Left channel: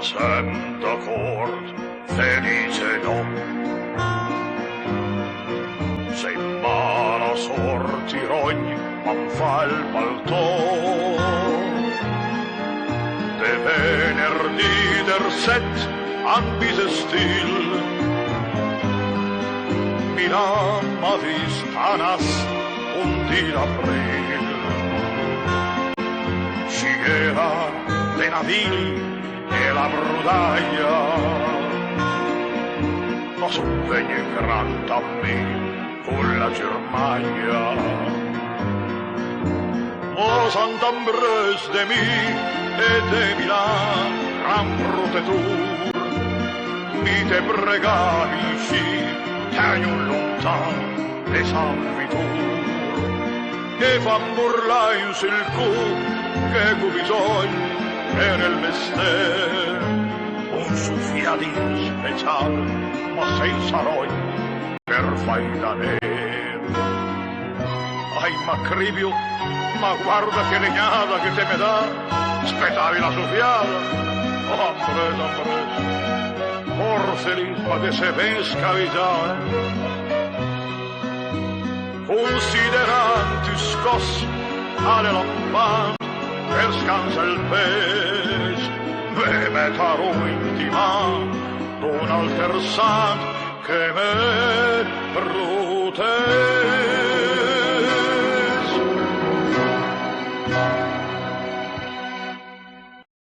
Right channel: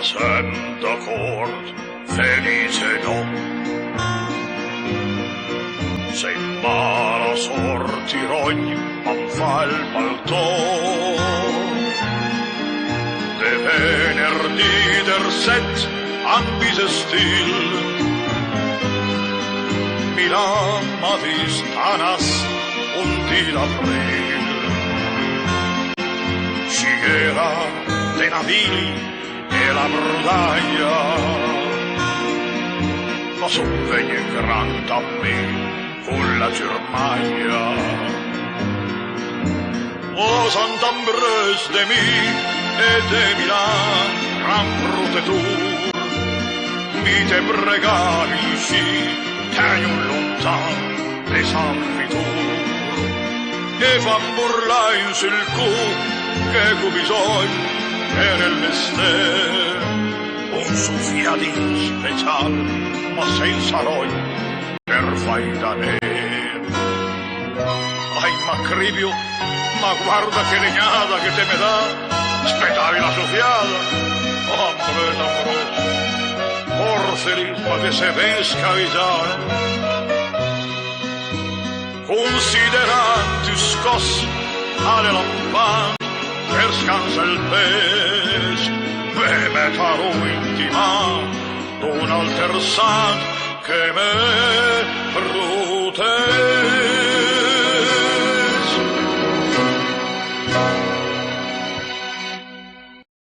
Passem d'acord, felice no. Se in mala sort i rogn em fa el paltó, de venerdì der set han bisestil, miram a distanas un di d'april. Scighera de navili e la brodaia, ma sovvegna gran a me con la Germania. O Sant'Ambres de mi e de Milan, gran protettur, mi te pregavi sì, tenio lontan de San Fitur, e fan burlai sul cu che cu bisogno e nell'ester un suffiadin special, ma senza rogno per fai da me. Ai Macribio, ma guarda che legnata che te me dà, aspettavi la soffiata. Oh, amore, forse ma te sei ben scavigiata. Consideranti scossi alle lampane per scansa il pes, ve me caro intima, un alter san che me protegge.